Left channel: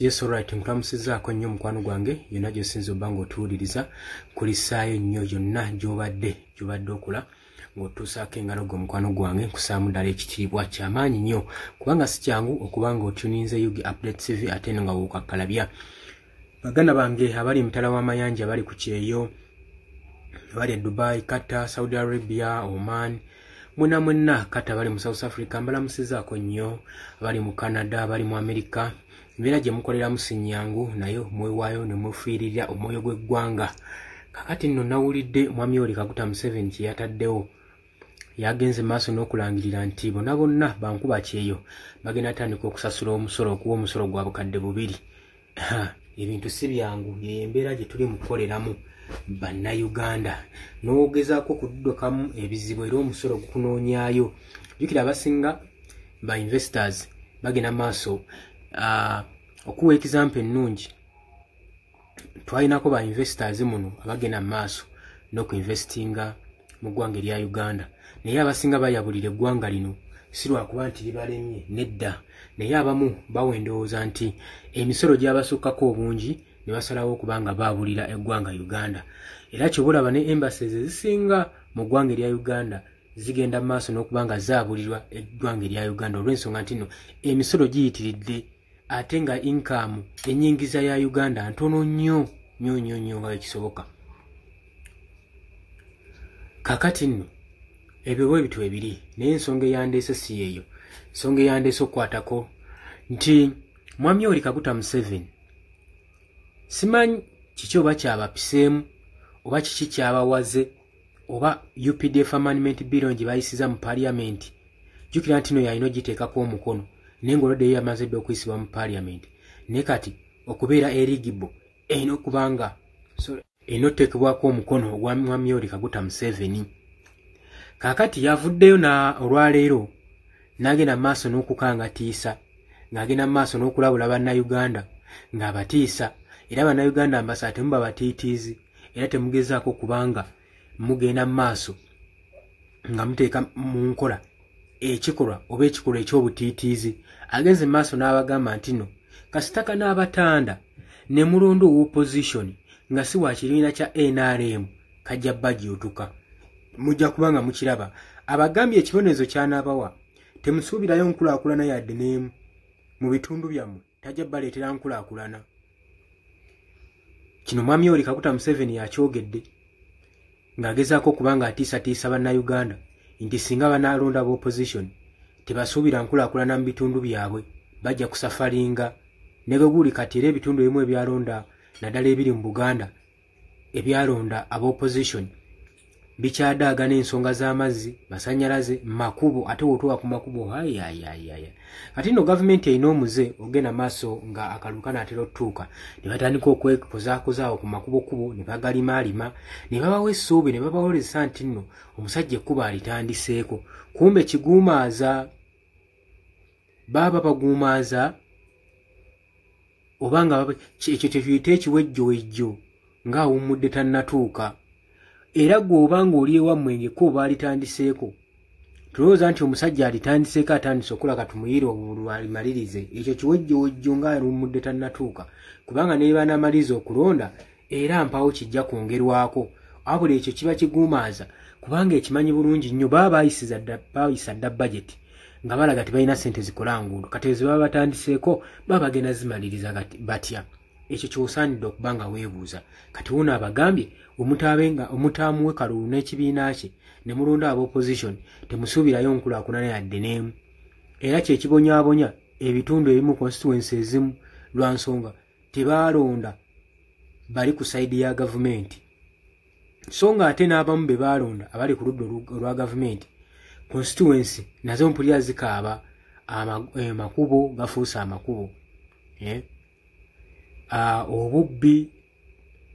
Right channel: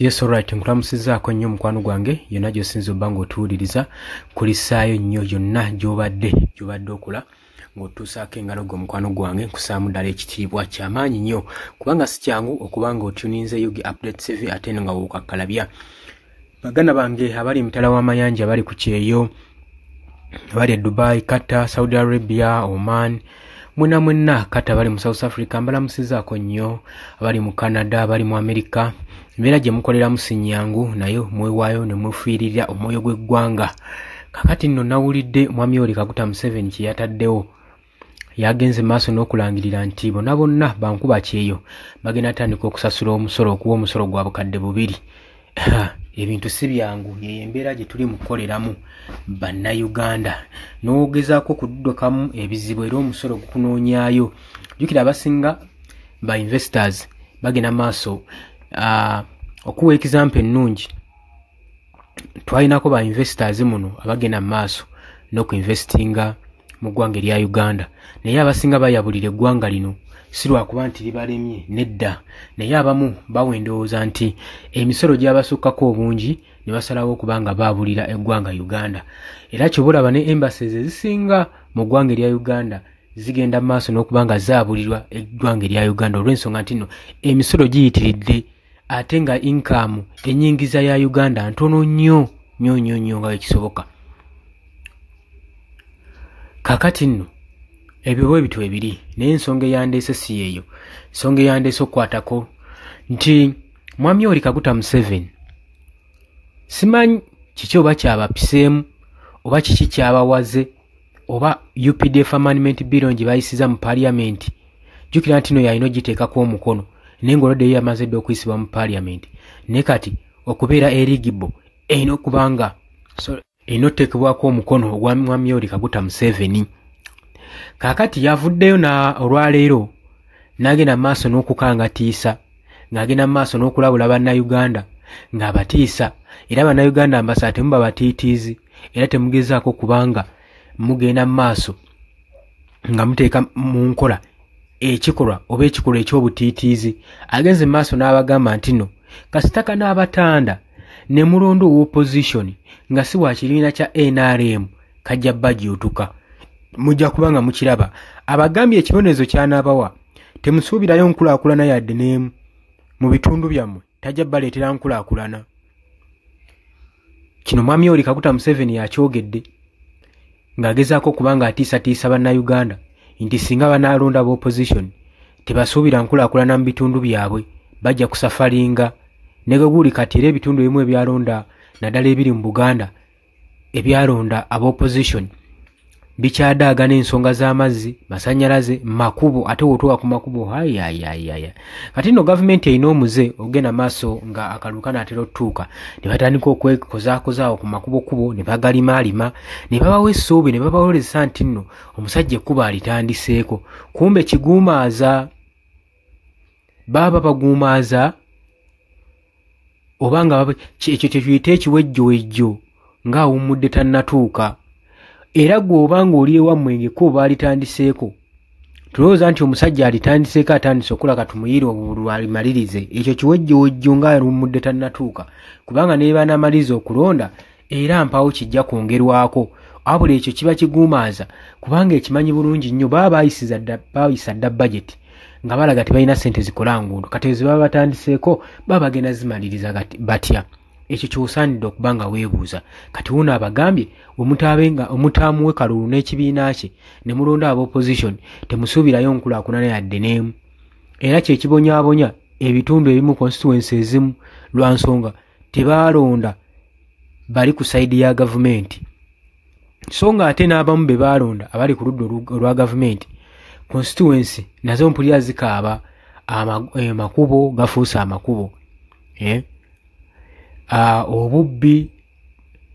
Yes, alright. Nkulamusizaako nnyo mukwano gwange yonna gy'osinza obba ng'otuwuliriza kulisaayo nnyo yonna gy'obadde okola ng'otuusaako engalo gwe mukwano gwange nkusaamu ddala ekitiibwa ky'amaanyi nnyo kubanga si kyangu okuba ng'otuninze Yugi Update TV ate nga wookakkalabya. Baganda bange abali emitala w'amayanja bali ku kyeyo abali e Dubai, Qatar, Saudi Arabia, Oman, mwenna Qatar bali mu South Africa mbalamusizaako nnyo, abali mu Canada, abali mu America. Mbeera gye mukoleramu si nnyangu nayo mwewaayo ne mufiirira omwoyo gw'eggwanga. Kakati nno nawulidde Mwami Yoweri Kaguta Museveni kye yataddewo. Yagenze maaso n'okulangirira nti bonna bankuba kyeyo bagenda tandika okusasula omusolo okuwa omusolo gwa bukadde 2. Ebintu si byangu ye embeera gye tuli mukoleramu bannayuganda n'ogezaako okuddukamu ebizibu era omusolo gukunoonyaayo. Jjukira abasinga ba investors bagenda maaso okuwa example ennungi twalinako ba investors muno abagenda maaso n'okuinvestinga mu ggwanga erya Uganda naye abasinga bayabulira eggwanga lino si lwakuba nti libalemye nedda naye abamu bawendowooza nti emisolo gy'abasukkako obungi ne basalawo okubanga baabulira eggwanga Uganda era kyobulaba ne embassies ezisinga mu ggwanga erya Uganda zigenda maaso n'okubanga zaabulirwa eggwanga erya Uganda olw'ensonga nti nno emisolo giyitiridde ate nga income enyingiza ya Uganda ntono nnyo nga ekisoboka. Kakati nno ebyo bwe bitwe ebiri naye ensonga eyandeese si yeeyo. Ensonga eyandeese okukwatako nti Mwami Yoweri Kaguta Museveni simanyi kiki oba kyabapiseemu oba kiki kyabawaze oba UPDF Amendment Bill gye bayisiza mu Parliament. Jjukira nti no yalina ogiteekako omukono naye ng'olwadde ye yamaze dda okuyisibwa mu Parliament ne kati okubeera eligible erina okubanga erina oteekebwako omukono ogwa Mwami Yoweri Kaguta Museveni. Kaakati yavuddeyo olwaleero n'agenda mu maaso n'okukangatiisa ng'agenda mu maaso n'okulabula bannayuganda ng'abatiisa era bannayuganda ambasa temuba batiitiizi era temugezaako kubanga mugenda mu maaso nga muteeka mu nkola ekikolwa oba ekikolwa eky'obutiitiizi. Agenze mu maaso n'abagamba nti no kasitaka n'abatanda ne mulondo w'opposition nga si wa kibiina kya NRM kajja bajjuutuka mujja kubanga mukiraba. Abagambye ekibonerezo ky'anaabawa temusuubirayo nkulaakulana yadde n'emu mu bitundu byammwe tajja baleetera nkulaakulana. Kino Mwami Yoweri Kaguta Museveni yakyogedde ng'agezaako kubanga atiisatiisa bannayuganda nti singa banaalonda b'opposition tebasuubira nkulaakulana mu bitundu byabwe bajja kusafalinga ne guli kati era ebitundu ebimu ebyalonda naddala ebiri mu Buganda ebyalonda ab'opposition bikyadaaga n'ensonga z'amazzi, masannyalaze, makubo ate wotuwa ku makubo kati nno gavumenti erina omuze ogenda maaso nga akalulu kanaatera otutuuka ne batandika okwekozaakozaawo ku makubo kubo ne bagalimaalima ne babawa essuubi ne babawoleza nti nno omusajja ekkubo alitandiseeko kumbe kiguumaaza baba baguumaaza obanga ekyo tekiyita ekiwejjowejjo ng'awummudde tannatuuka. Era gw'obanga oli ewammwe ng'ekkubo baalitandiseeko tulowooza nti omusajja alitandiseeko atandise okulaga tumuyire obululu alimalirize ekyo kiwejjowejjo ng'awummudde tannatuuka kubanga ne banaamaliza okulonda era mpawo kijja kwongerwako wabula ekyo kiba kiguumaaza kubanga ekimanyi bulungi nnyo baba baayisa dda budget nga balaga tebalina ssente zikola nguudo kati ezo baba batandiseeko baba bagenda zimaliriza batya. Ekyo ky'osaanidde okubanga weebuuza kati wuno abagambye omutaamuwe kalulu n'ekibiina kye ne mulonda ab'opposition temusuubirayo nkulaakulana yadde n'emu era kye kibonyaabonya ebitundu ebimu constituency ezimu lwa nsonga tebaalonda bali ku sayidi ya gavumenti so nga ate n'abamu be baalonda abali ku ludda olwa gavumenti constituency nazo mpulira zikaaba amakubo gafuuse amakubo obubbi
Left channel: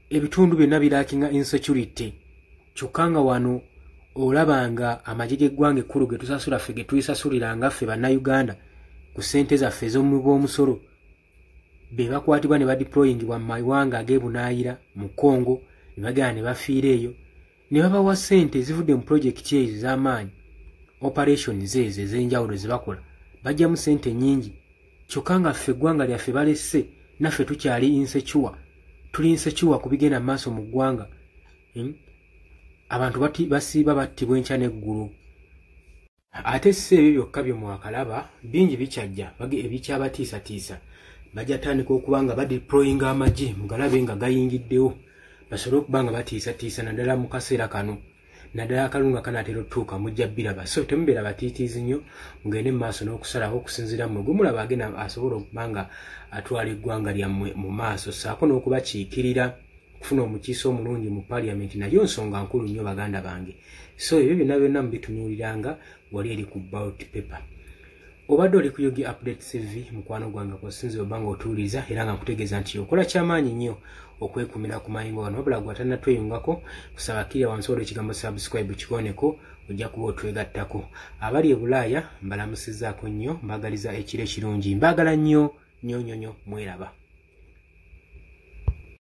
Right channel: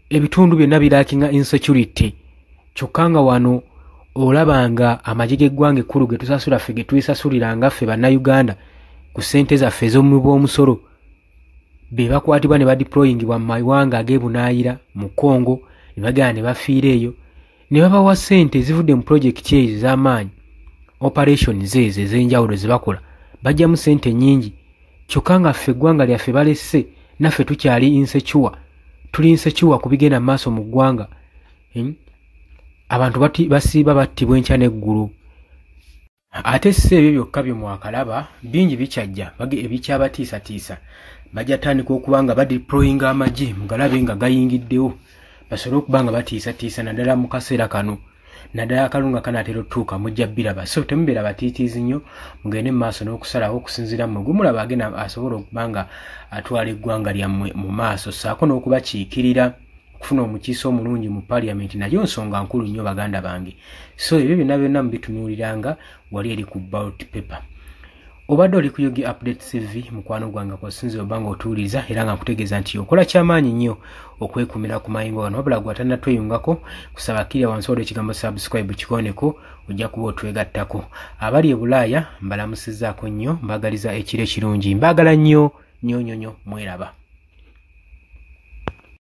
ebitundu byonna biraakinga insecurity kyokka nga wano olabanga amagye g'eggwanga ekkulu ge tusasula ffe ge tuyisasuliranga ffe bannayuganda ku ssente zaffe ez'omu bw'omusolo be bakwatibwa ne badeployingibwa mu mawanga ag'ebunaayira mu Congo ne bagenda ne bafiira eyo ne babawa ssente ezivudde mu projekiti ezo ez'amaanyi operations ezo ez'enjawulo ze bakola bajjamu ssente nnyingi kyokka nga ffe eggwanga lyaffe balesse naffe tukyali insecure tuli insecure kubigenda maaso mu ggwanga abantu basiiba battibwa enkya n'eggulu ate si ebyo byokka bye mwakalaba bingi bikyajja ebikyabatiisatiisa bajja tandika okuba nga badeployinga amagye mugalabe nga gayingiddewo basobole okuba nga batiisatiisa naddala mu kaseera kano naddala akalunga kanaatera otutuuka mujja biraba so temubeera batiitiizi nnyo mugende mu maaso n'okusalawo okusinziira mu gumulaba agenda asobola okuba nga atwala eggwanga lyammwe mu maaso saako n'okubakiikirira okufuna omukiise omulungi mu paliamenti nayo nsonga nkulu nnyo baganda bange so ebyo byonna byonna mubitunuuliranga wali eri ku ballot paper obadde oli ku Yogi Updates TV mukwano gwange kwasinzira oba nga otuwuliriza era nga nkutegeeza nti okola kyamaanyi nnyo okwekumira ku mayingo gano wabula gwatanda tweyungako kusaba kiri wansi olwo ekigambo subscribe kikoneko ojja kuba otwegattako abali e Bulaaya mbalamusizzaako nnyo mbagaliza ekiro ekirungi mbagala nnyo mweraba